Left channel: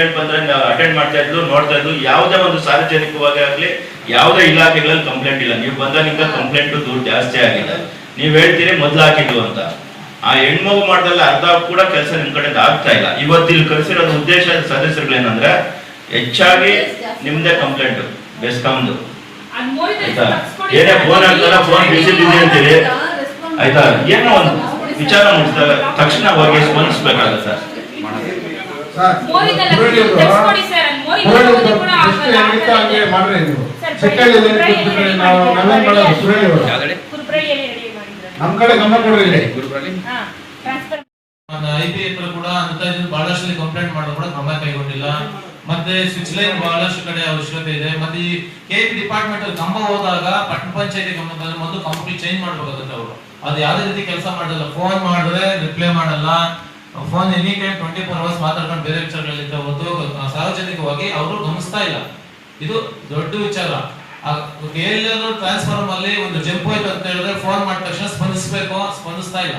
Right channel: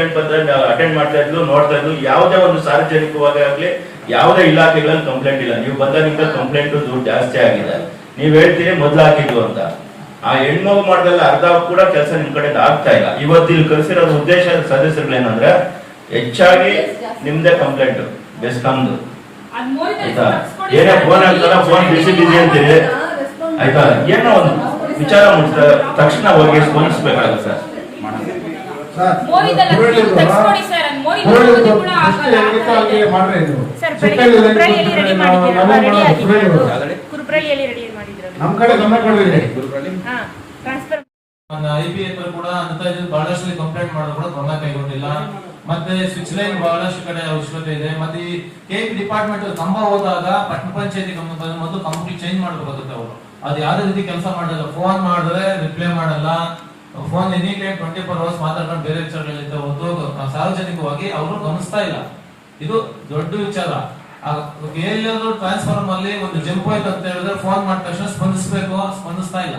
Complaint ಬಂದ್ರೆ attend ಮಾಡ್ತಾ ಇದ್ಲು, ನೋಡ್ತಾ ಇದ್ಲು. ಯಾವುದೇ ಒಂದು ಸಾರ್ವಜನಿಕವಾಗಿ ಆಗ್ಲಿ ಯಾವುದೇ ಇಲಾಖೆಗಳಲ್ಲಿ ಕಂಪ್ಲೇಂಟ್ ಇಲ್ಲ. ನೀವು ಬಂದಾಗ ಕಂಪ್ಲೇಂಟ್ ದುಡ್ಡು ಜಾಸ್ತಿ ಆಗಿದೆ, ನೀವ್ ಹೇಳ್ತೀರಿ ಮೊದ್ಲು ಹಾಕಿದ್ವು ಅಂತ. ಆ ಹೆಣ್ಮಗು ಮಾಡ್ದಲ್ಲ ಅರ್ಧ ಕೂಡ ಕೆಲಸ ನಿಮ್ ಕಡೆ ಆಗ್ತಾ ಇಲ್ಲ. ಇವತ್ತು ಇಲ್ಲಿ ಕರೆಸಿರೋ ಉದ್ದೇಶ ಸದಸ್ಯರುಗಳೇನಂದ್ರೆ ಹೆಚ್ಚಾಗಿ ನಿಮ್ದೇ ಕಂಪ್ಲೇಂಟ್ ಬೆಸ್ಕಾಮ್ದು ಆಯ್ತಾ. ಏನೇ ಫೋನ್ ಆಗ್ತಾರ ಫೋನ್ ಬಿಸಿ ಅಂತೀರಿ ಆಯ್ತಾ. ಏನೋ ಒಂದು ವಿಚಾರ ಮುಟ್ಟಿದಾಗ ತಕ್ಷಣ ಹೋಗಿ ಸ್ಪಂದಿಸ್ಬೇಕಾಗುತ್ತೆ. ನಮ್ ಕಡೆ ಗಮನ ಕೊಡ್ರಿ. IPL ಕೂಡ ಅಂತ ಬಹಳಷ್ಟು ಕಂಪ್ಲೇಂಟ್ ಮಾಡೋದು ಕೂಡ ಗಮನ ಕೈಗೊಂಡಿಲ್ಲ. ಮತ್ತೆ ಸ್ವಿಚ್ ಲೈನ್ ಬಹಳಷ್ಟು ಕಡೆ ಅವಶ್ಯಕತೆ ಇದೆ. ಮತ್ತೆ ಈ KP ಡಿಪಾರ್ಟ್ಮೆಂಟ್ ಕಂಬ ಹೋದಾಗ ಪಟ್ಟಣ ಪಂಚಾಯತಿ ಗಮನ ಬಂದ್ರೆ ಮೊದಲು ಕಂಪ್ಲೀಟ್ ಚೇಂಜ್ ಮಾಡ್ಬೇಕಾಗುತ್ತೆ. ಅವರು ಅದು ಯಾವುದೇ ರೀತಿ ಕೆಲಸ ಮಾಡಲ್ಲ. ಫೋನ್ ಮಾಡಿದ್ರೆ ರಿಪ್ಲೈ ಮಾಡಲ್ಲ. ಫೋನ್ ಎನಿ ಟೈಮ್ 24 hours ಮಾತಾಡ್ಕೊಂಡು ಬೇರೆ ವಿಚಾರಗಳಿಂದ ಹೊತ್ತು ಸಾರ್ವಜನಿಕವಾಗಿ ಅವರು ಗಮನಿಸ್ತಾ ಇಲ್ಲ. ಇದು ದೊಡ್ಡ ವಿಚಾರ. ಎಲ್ಲಾದ್ರೂ ಟ್ರಾನ್ಸ್ಫಾರ್ಮರ್ ಅಲ್ಲಿ ಒಂದು ಜಂಪ್ ಹೋಯ್ತು ಅಂತ ಹೇಳಿದ್ರೆ ಫೋನ್ ಮಾಡಿದ ತಕ್ಷಣ ಸ್ಪಂದಿಸಬೇಕು, ಸ್ಪಂದಿಸ್ತಾ ಇಲ್ಲ.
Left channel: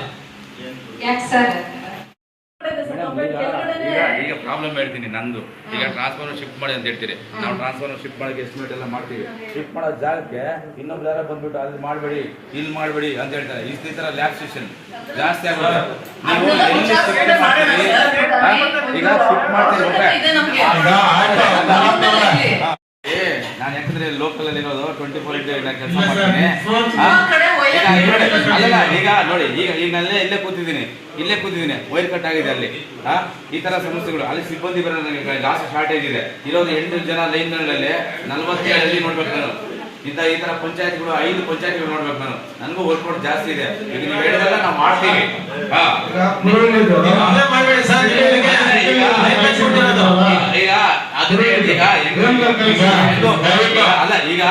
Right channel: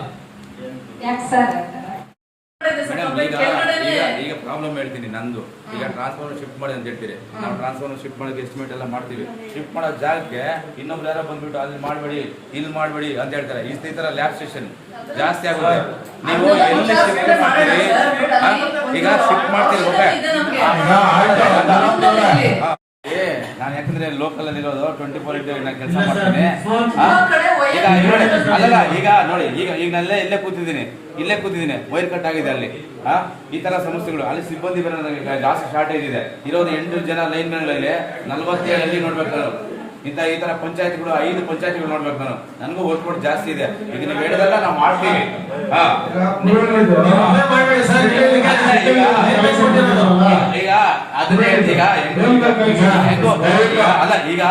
ಈಗ ಪ್ರಾಬ್ಲಮ್ ಹೇಳ್ತೀನಿ ನಂದು. ಈಗ ಟ್ರಾನ್ಸ್ಫಾರ್ಮರ್ ಶಿಫ್ಟ್ ಮಾಡಿ ಅಂತ ಹೇಳ್ತೀರಿ. ನಾವು ಟ್ರಾನ್ಸ್ಫಾರ್ಮರ್ ಶಿಫ್ಟ್ ಮಾಡೋಕೆ ಎಸ್ಟಿಮೇಟ್ ಎಲ್ಲ ಮಾಡ್ತೀವಿ. ಶಿಫ್ಟ್ ಮಾಡೋ ಜಾಗಕ್ಕೆ ಇನ್ನೊಬ್ರು ಯಾರೋ ಬಂದ್ಬಿಟ್ಟು ಅಲ್ಲಿ ಮಾಡಬೇಡಿ ಇಲ್ಲಿ ಮಾಡಬೇಡಿ ಅಂತ ಹೇಳ್ತಾರೆ. ಈ ತರ ಲ್ಯಾಬ್ ಸ್ಟೇಷನ್ ಜಾಸ್ತಿ ಆಗುತ್ತೆ. ನೀವು ಎಲ್ಲಿ ಶಿಫ್ಟ್ ಮಾಡ್ತೀರಿ, ಈಗ ಶಿಫ್ಟ್ ಮಾಡ್ತೀರಿ ನಾನು ಯಾಕಂದ್ರೆ ಲೋಕಲ್ ಅಲ್ಲಿ ಇರೋದು 24 ನಾನು ಕೆಲಸ ಮಾಡ್ತೀನಿ. ಅಲ್ಲ ಈಗ ನೋಡಿ, ಈಗ ನಲ್ಲೇ ಇಲ್ಲೇ ಕೂತಿದ್ದೀನಿ ವೈರ್ ಕಟ್ ಆಗಿದೆ ಅಲ್ಲಿ. ಈ ತರ ಸಮಸ್ಯೆಗಳು ಅಲ್ಲಿ ಸಿಬ್ಬಂದಿ ಬರೋದು ಜಾಸ್ತಿ ಶಾರ್ಟೇಜ್ ಇದೆ. ಇರೋದು 8 ಜನ ಲೈನ್ಗಳಲ್ಲಿ 47 ನೋಡ್ಬೇಕು ನಾನು. ಈ ತರ ಪಂಚಾಯತ್ಗಳು 5 ಪಂಚಾಯತ್ಗಳು ನೋಡ್ಬೇಕು ನಾನು. ನನಗೂ ವರ್ಕ್ ಲೋಡ್ ಜಾಸ್ತಿ ಇದೆ. ಈಗ ನೀವು ಹೇಳಿದೆಲ್ಲ ನಾವು ಮಾಡ್ತೀವಿ. ಈಗ ಅದನ್ನೇ ಈಗ ಅಲ್ಲ ಈಗ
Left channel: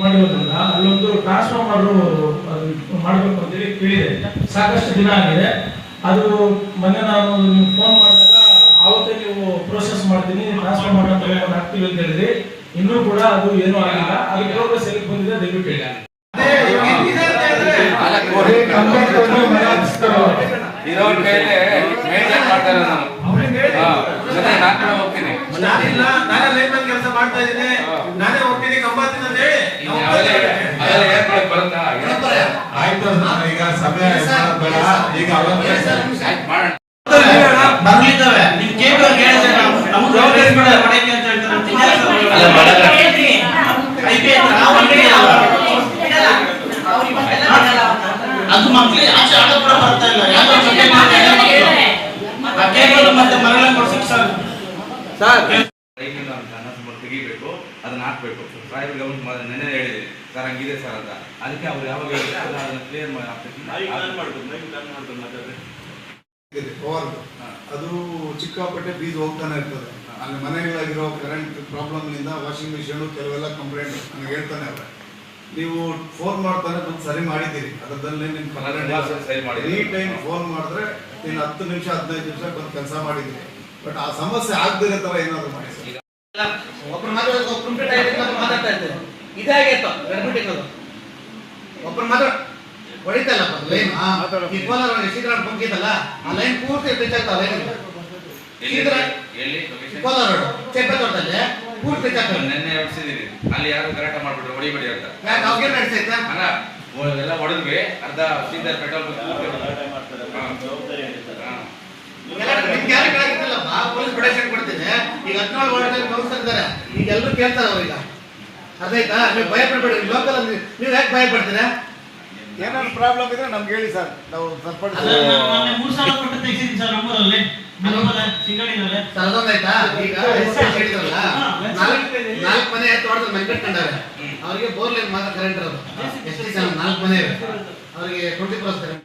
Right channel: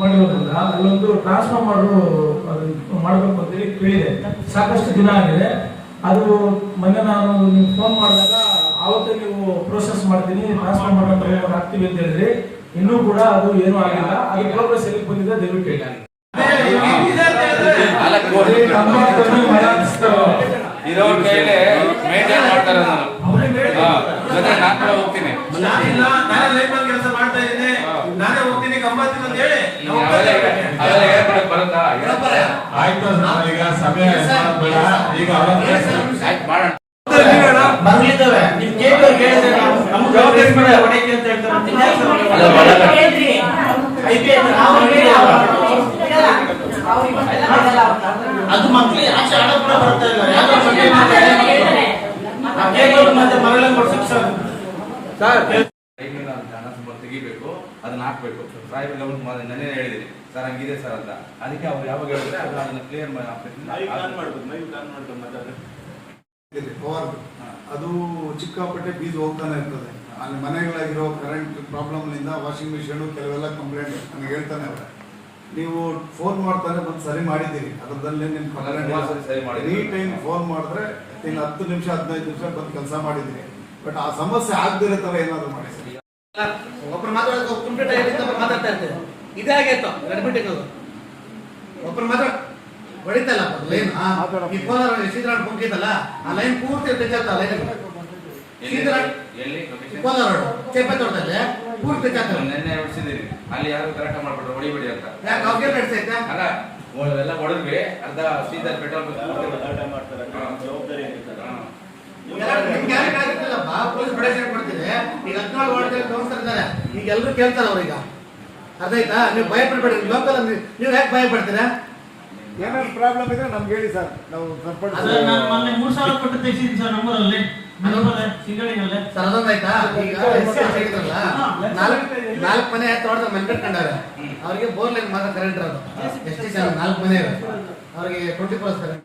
ಮಾಡಿರೋದ್ರಿಂದ ಅಲ್ಲೊಂದು ಟ್ರಾನ್ಸ್ಫಾರ್ಮರ್ ಮಾಡಬೇಕು ಅಂತೇಳಿ ಕೇಳಿದೆ. ಸಾಕಷ್ಟು ದಿನ ಆಗಿದೆ. ಅದು ಮೊನ್ನೆ ನಾನು ನೀವು ಫೋನ್ ಮಾಡಿದಾಗ ಆವತ್ತೇ ನೀವು ಪ್ರೋಸೆಸ್ ಮಾಡ್ತೀನಿ ಟ್ರಾನ್ಸ್ಫಾರ್ಮರ್ ಹಾಕ್ತೀವಿ ಅಂತ ಹೇಳಿದ್ರಿ. ಇನ್ನೂ ಕೂಡ ಅದು ಏನೂ ಆಗಿಲ್ಲ. ಅದು ಪ್ರೋಗ್ರೆಸ್ ಎಲ್ಲಿ ಬಂದಿದೆ ದಯವಿಟ್ಟು ಹೇಳಿ. ಇರೋರ ಕೈಲಿ ಮೇಂಟೈನ್ ಮಾಡ್ತಾರೆ. ನಾನು ನಾನ್ ಕೂಡ ಹೋಗ್ತೀನಿ. ಈಗ ಸಮಯ ಈಗ ಬರ್ಲಿದ್ದಾವೆ. ನಿಮ್ ಕೇಳಿ ಹೇಳಿದ್ರೆ ನಮ್ಗೆ ಹೊಡೆಕೆ ಅಂತ ಅದು ಮಕ್ಳಿಗೆ ಆಚೆ ಆಡ ಕೂಡ ಬರ್ತಾ ಇಲ್ಲ. ಮತ್ತೆ ಮರಳನ್ನು ಕೊಡ್ಸಕ್ ಸರ್ ತೆಗಿಬೇಕು, ಅದನ್ನ ಹಾಕ್ಬೇಕು. ಸಾಹೇಬ್ ಗಮನಕ್ಕೆ ನೆನ್ನೆ ಹೇಳಿದ್ರಿ ಸರ್ ಹಂಗಿದೆ ಸರ್ ಅಂತ. ಅದಕ್ಕೆ ಅವ್ರು ಯಾವಾಗ ಹೇಳಿದ್ರೆ ಅದನ್ನ ಕ್ಲಿಯರ್ ಅದು ಚಿಕ್ಕಾಪಟ್ಟೆ ಬೀಸ್ ಹೋಗ್ತಾನೆ ಇರ್ತದೆ. ಅಲ್ಲಿ ಮನೆಗಳಾಗಿರೋ ಕರೆಂಟ್ ಪ್ರಾಬ್ಲಮ್ನಿಂದ ವಾಷಿಂಗ್ ಮಿಷಿನ್ ಕೆಲವೆಲ್ಲ ಕಂಪ್ಲೇಂಟ್ ನನಗೆ ಹೇಳ್ತಾನೆ ಅವ್ರೆ. ನೀವು ಫೋನ್ ಮಾಡ್ತಾನೆ ಬಂದು ಸರಿ ಮಾಡಿದ್ದೀರಿ, ಅದರಲ್ಲಿ ಈ ಟೈಮ್ ಫೋನ್ ಮಾಡಿದ್ರೆ ಇನ್ನು 10 ನಿಮಿಷ 15 ನಿಮಿಷ ಬಂದು ಕೆಲಸ ಮಾಡಿದ್ದೀರಿ. ಬಟ್ ಆ ಸಮಸ್ಯೆ ಆಗದಿರೋ ತರ ಏನಾದ್ರು ಮಾಡಿ. ಒಬ್ರು ಮಾತಾಡ್ತಾ ಇರ್ತಾರೆ, ಇದಾಗೈತೋ ಒಬ್ರು ಮಾತಾಡ ಹೊಡಿತಲ್ಲ ಲೈನ್. ಈ ಕೋಲಾರ ಶ್ರೀಕರಣ ಪಂಕಿತಲ್ಲ ಆ ಲೈನ್ ಪೂರ್ತಿ ತೆಚ್ಚಾಗ್ತಾ ಲೈನ್ ಕೋಲಾರ ರೋಡ್ ಚೇಪತ್ತೋಟದಲ್ಲಿ ಪೂರ್ತಿ ತೆಚ್ಚಾಗ್ತದೆ. ನೆನ್ನೆ ಹೊಡಿಸಿದೀನಿ ಅಲ್ಲಿ ಯಾರು ಕರೆಕ್ಟ್ ಮಾಡ್ಬಿಟ್ರು ಹೊಡಿಬೇಡಿ ಅಂತ. ಯಾಕೆ ಅವ್ರಿಗೆ ನಡೆಸೈತೆ ಅಲ್ಲ ಎಲ್ಲ ಹೊಡೆದ್ವಿ. ಅರ್ಧ ಸೀದಾ ಪೆಟ್ರೋಲ್ ಪೊಲೀಸ್ ಪ್ರೊಟೆಕ್ಷನ್ ಕೊಡ್ತಿದೆ. ಈಗ 17 ವಾರ್ಡ್ನಲ್ಲಿ ಕೌನ್ಸಿಲರ್ ಇದ್ದಾರೆ. ಈಗ ಎಲ್ಲರೂ ಕೇಳ್ತಾರೆ ಅವ್ರೀಗ. ಅದಾಯ್ತಾ? ನೀವು ಭಯ ಪಡ್ಬೇಡಿ. ಲೋಕಲ್ ನೀವು ಯಾಕೆ ಭಯ ಪಡ್ತೀರಾ? ಏನಾದ್ರು ಪ್ರಾಬ್ಲಮ್ ಇದ್ರೆ ನಮ್ಗೆ ಹೇಳಿ ಸರ್, ನಾವು ಸರಿಯಾಯ್ತಾ? ಈಗ 4 ಮನೆ ತೋಟದಲ್ಲಿ ಮನೆ ಕಟ್ಕೊಂಡವ್ರೆ. ಅವರಿಗೆ ಬೋರ್ಲೈನ್ ಮಾತ್ರ ಕರೆಂಟ್ ಇರೋದು. ಎಷ್ಟು ಜನ 4 ಮನೆ ಅವ್ರಿಗೆ 24 ಕರೆಂಟ್.